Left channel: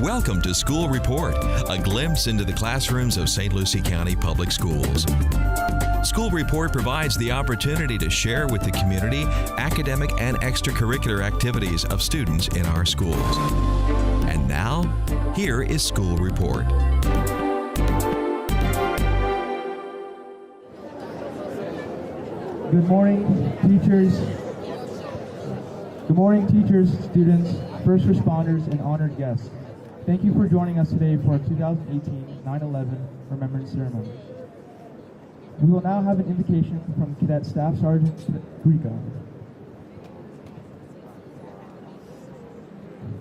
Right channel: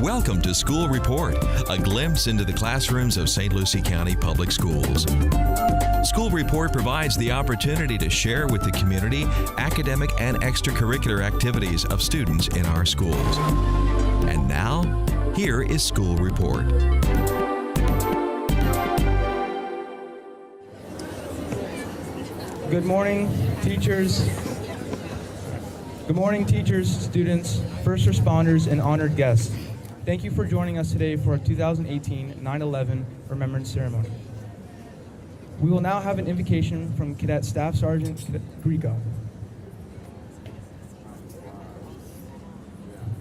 Welcome to School Report, a glimpse into the classrooms of St. Lucie County Public Schools. School Report provides the opportunity to share with the community academic and extracurricular activities of students in our schools. And now, here is School Report. Good morning, teachers. Good morning, teachers, students, first responders, and honored guests. Thank you for joining us today for our 2018 9/11 Remembrance Ceremony. We will now have an invocation from Cadet Staff Sergeant Greco.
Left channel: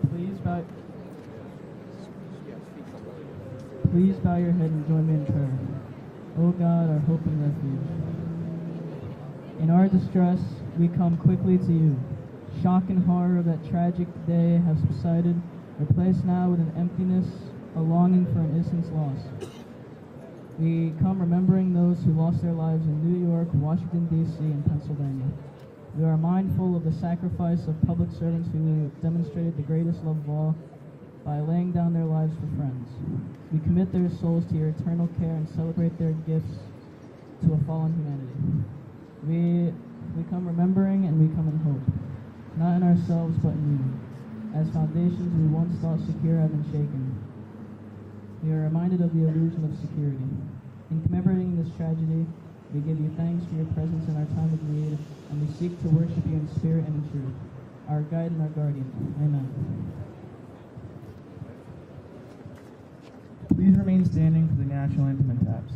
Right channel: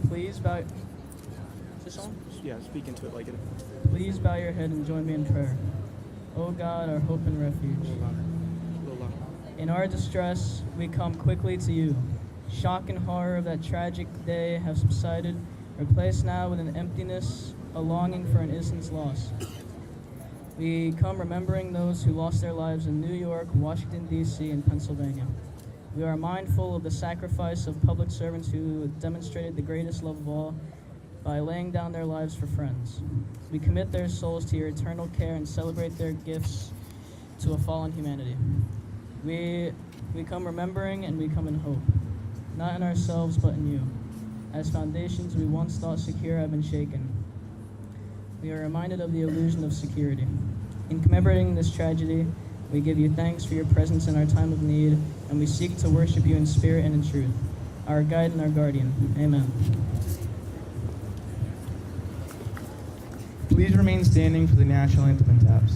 Please bow. Yeah, speak into it like it. Please bow your head and join me in prayer. O God, our hope and refuge. In our distress, we come quickly to you. Shock and horror of that tragic day have subsided, replaced now with an emptiness, a longing for an innocence lost. We come remembering those who lost their lives in New York, Washington, D.C., and Pennsylvania. We are mindful of the sacrifice of public servants who demonstrated the greatest love of all by laying down their lives for friends. We commit their souls to your eternal care and celebrate their gifts to a fallen humanity. We come remembering and we come in hope, not in ourselves but in you. As foundations we once thought secure have been shaken. We are reminded of the illusion of security. In commemorating this tragedy, we give you thanks for your presence in our time of need, and we seek to worship you in spirit and in truth, our guide and our guardian. Amen. Please remain standing for the national anthem and taps.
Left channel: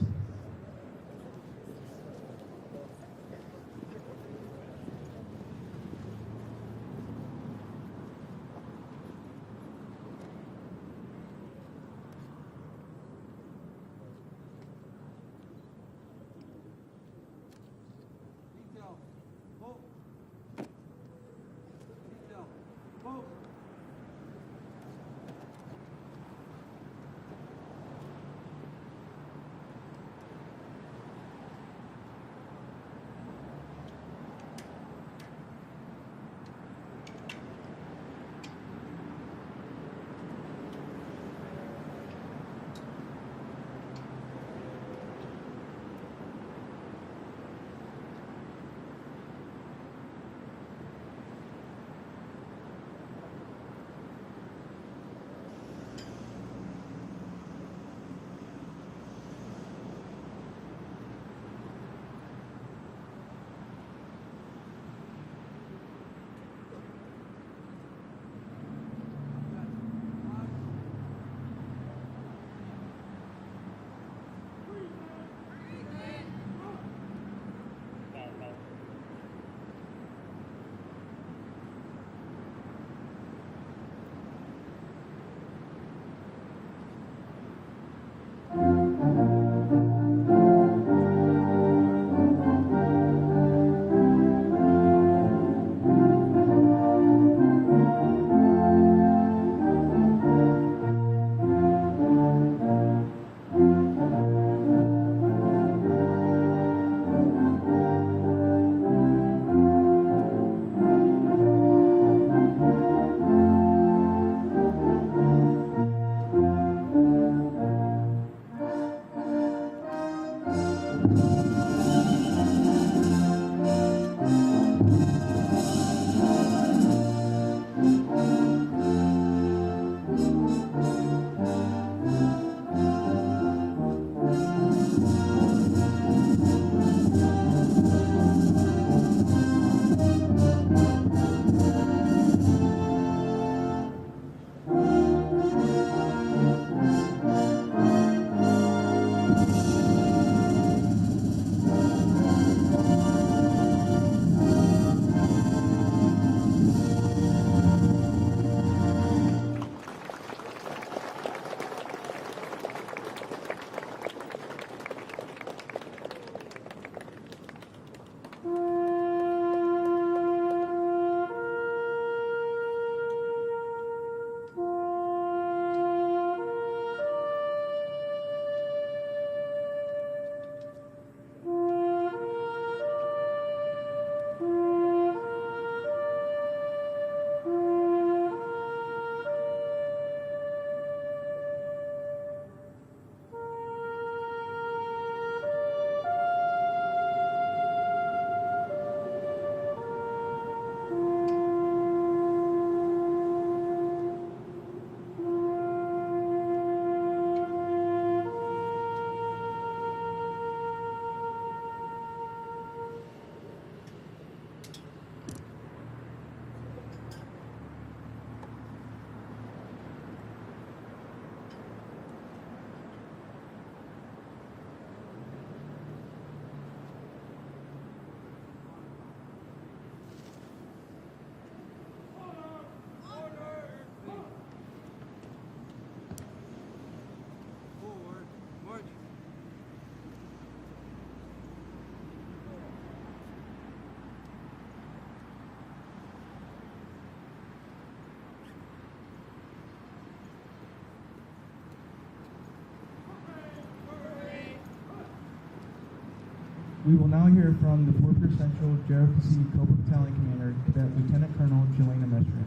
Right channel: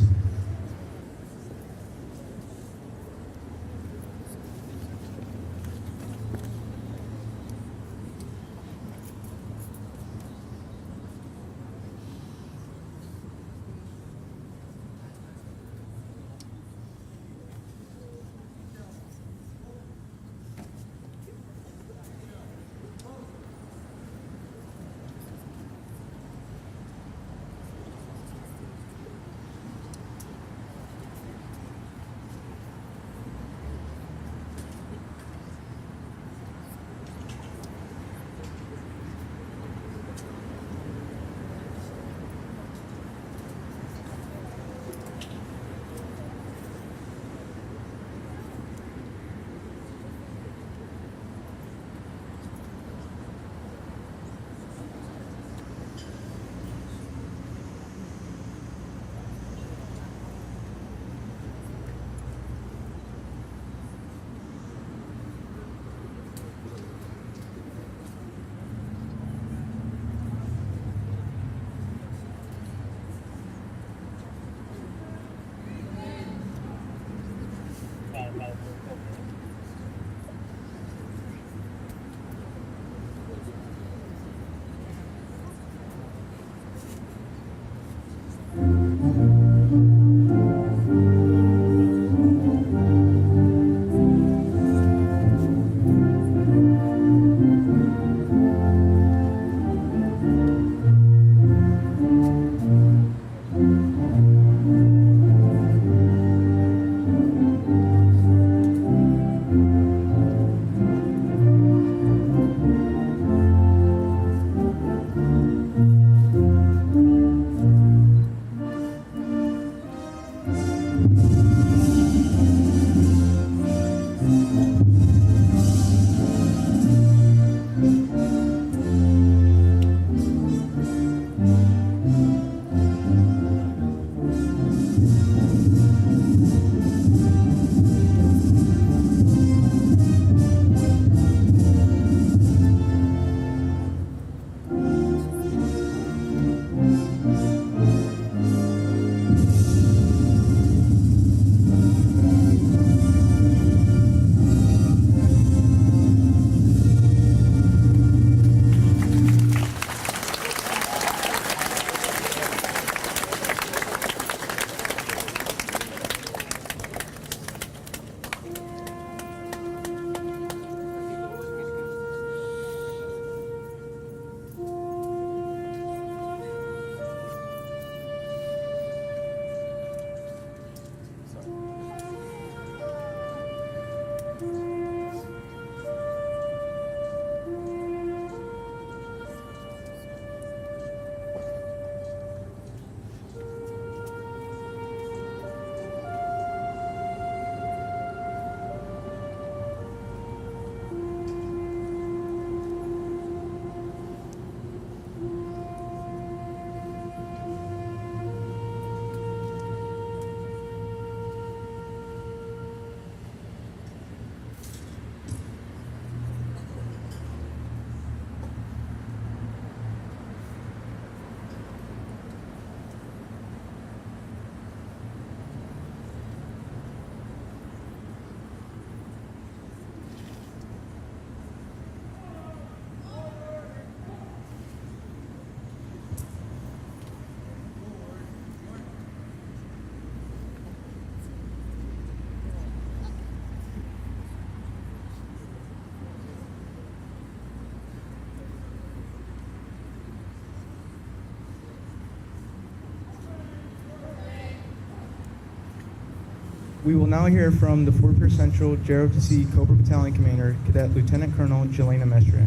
We will now hear from the Fort Pierce Central JROTC Cobra Battalion Commander, Cadet Lieutenant Colonel Jelena Mestre.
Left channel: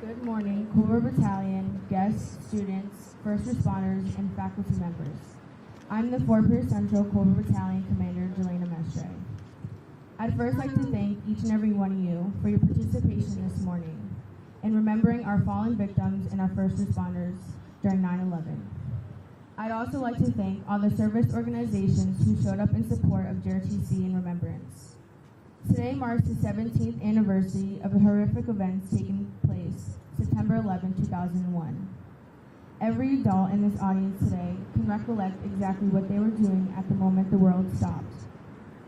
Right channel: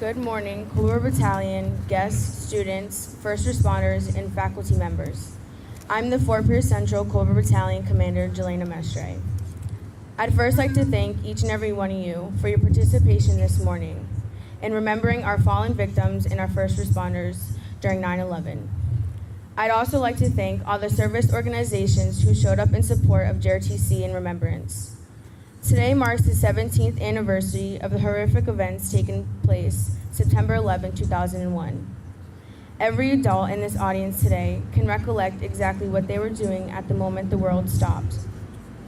Good morning, Cobra Battalion, guests, students, first responders, and faculty members. I'm the Fort Pierce Central Cobra Battalion Commander, Jelena Mestre. I'd first like to thank each and every one of you for your participation this morning in remembering our fallen victims and our first responders during 9/11. I'd also like to thank all the service organizations who showed up in support of JROTC and Remembrance. Today marks the 17th anniversary of the horrific events taking place September 11, 2001. Every adult in this audience today can recollect exactly what they were doing at the moment the world stopped.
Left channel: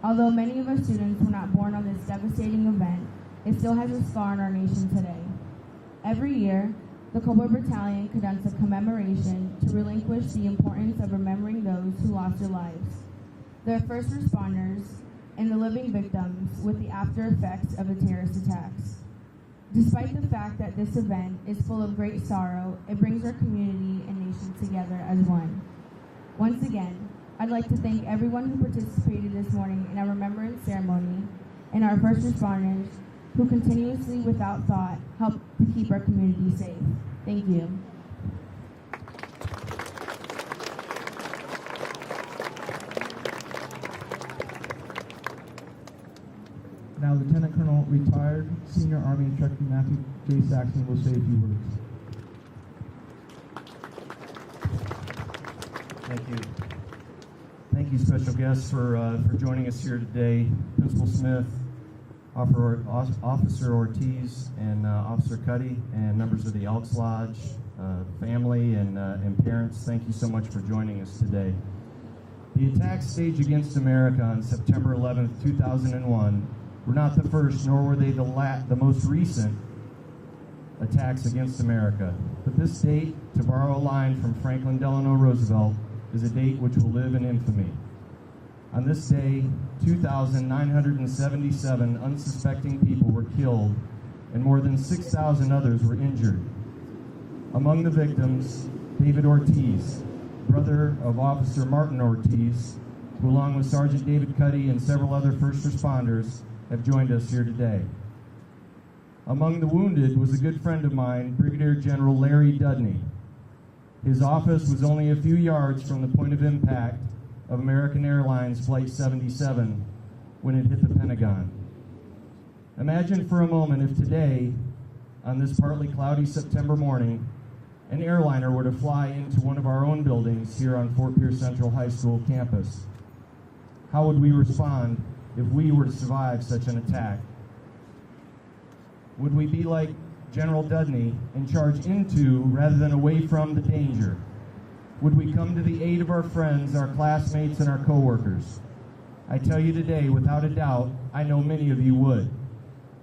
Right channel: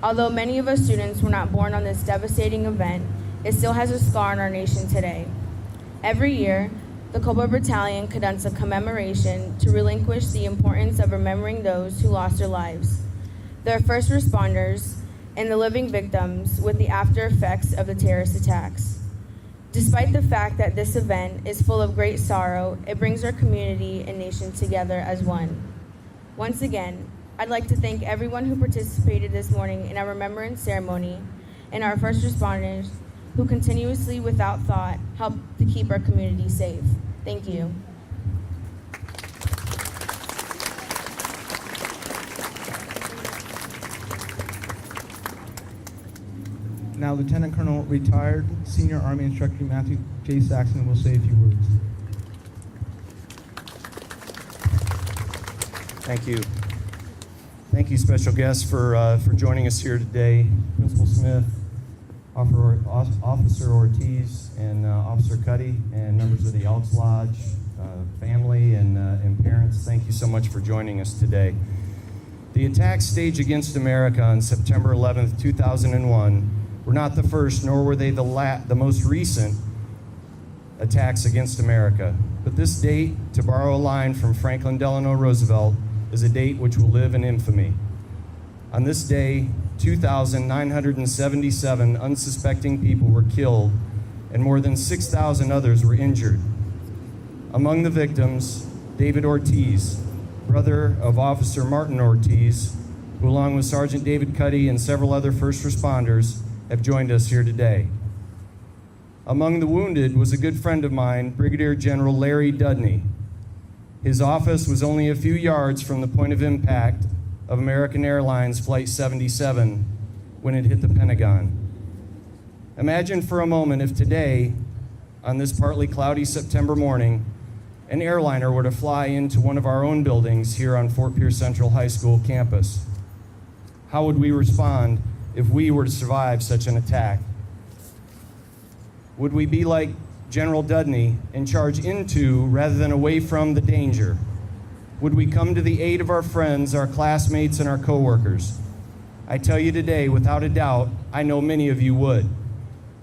Although many of us students were not born on this devastating event, it still has a scar on our nation today. Every year, the Cobra Battalion conducts a commemoration to relinquish the importance of remembering those who lost their lives, their first responders, and the living victims with the after effects of the terrorist attacks. Despite the fact that this event is full of great sorrow, it brings our community and nation together as one. Once again, I'd like to thank everyone who participated this morning in our remembrance ceremony and our first responders who continuously, without thought, help to keep our community safe. Thank you. Now, Lieutenant Colonel, retired Senior Army Instructor Matthew J. Saxon will say a few words. Thank you. Thank you, special guests, for joining us here today. Principal Smith, Officer Ortiz, and Officer Cuddy, and members of the Elks Lodge, family, and parents, thank you so much for joining us today. The attacks staged against America on September 11th, 2001 were not the first, nor were they the most recent attacks against America. But this date, to borrow a line from Franklin Delano Roosevelt, is a date which will live in infamy. On this day, 2,977 unsuspecting people were killed and more than 6,000 others were injured. Among the victims, David Ortiz, brother of Officer Martin Ortiz, who along with Sergeant David Cuddy and several other first responders have joined us here today. Among the wounded was a good friend of mine, Brigadier General Larry Dudney. His office was only a few yards from the point of impact of American Airlines Flight 77 when it hit the Pentagon. Imagine for a moment if today, on this partly cloudy September morning, an airliner were to fly into one of our own buildings here on Fort Pierce Central High School campus. How would we respond if we were to survive such an attack? Would we be like General Dudney and charge into rather than away from the danger? Would we come to the aid of our friends, our classmates, and our coworkers? I tell you today, without a doubt, I know many of you would.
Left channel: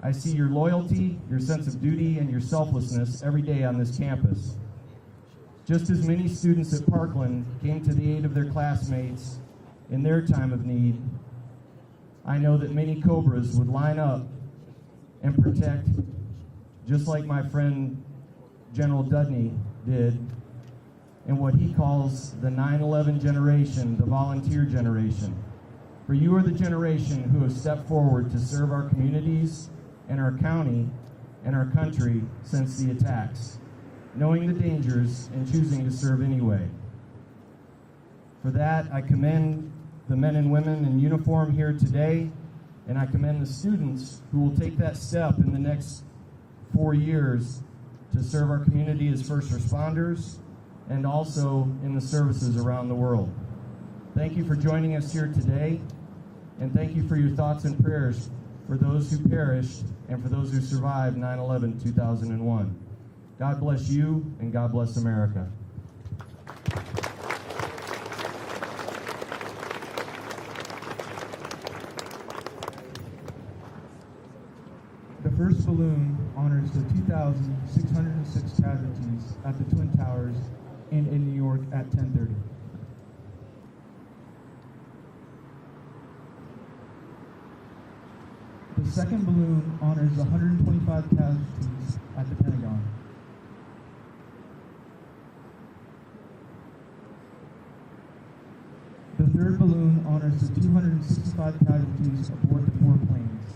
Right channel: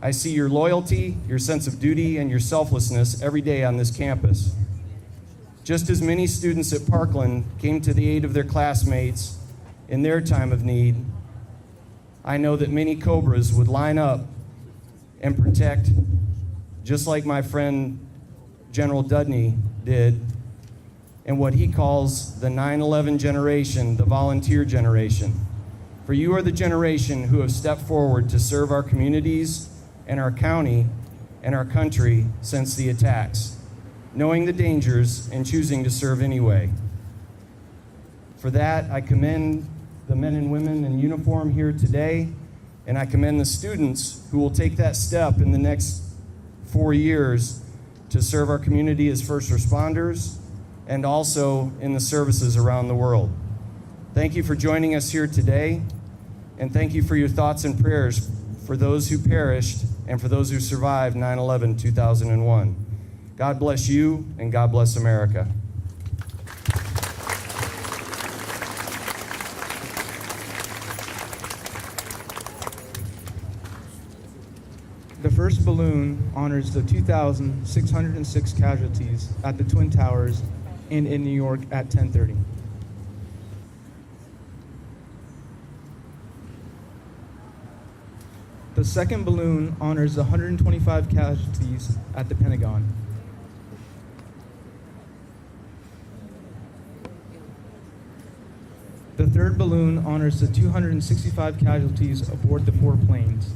I see your loyalty, your sense of duty, and your selflessness every day on this campus. Just as many students at Parkland came to the aid of their classmates in their time of need, I know that many Cobras would line up and protect, just like my friend General Dudney did, and what he calls the 9/11 generation, the volunteer generation. For you are the generation who have stepped forward to serve our communities and our county and our country since the attacks, knowing the dangers and choosing to serve anyway. For that, I commend the men and women in uniform here today, and I commend the students who will take that step in the next 4 years to serve our community as first responders and also in the services around the world. Thank you for joining us here today, and thank you for your thoughts and prayers for those who perished and for those who survived 9/11, 2001. God bless you, and God bless America. The first balloon honors the 2,606 casualties at the Twin Towers and in New York at 10:30. The second balloon honors the 125 casualties at the Pentagon. third balloon honors the 265 casualties aboard the 4 planes.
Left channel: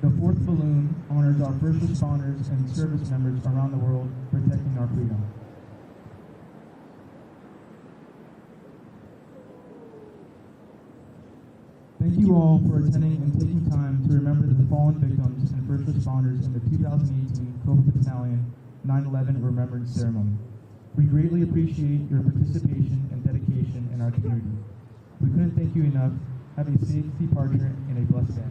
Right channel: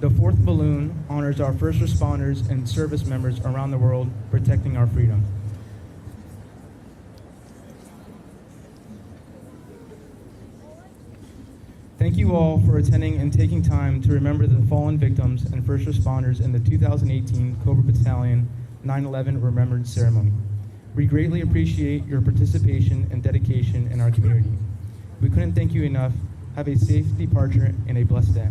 The fourth balloon honors our first responders and service members around the world protecting our freedom. Thank you all for attending and taking time to remember the fallen victims and first responders in the 2018 Cobra Battalion 9/11 Remembrance Ceremony. We greatly appreciate your participation and dedication in our community. We couldn't thank you enough. Have a safe departure and a blessed day.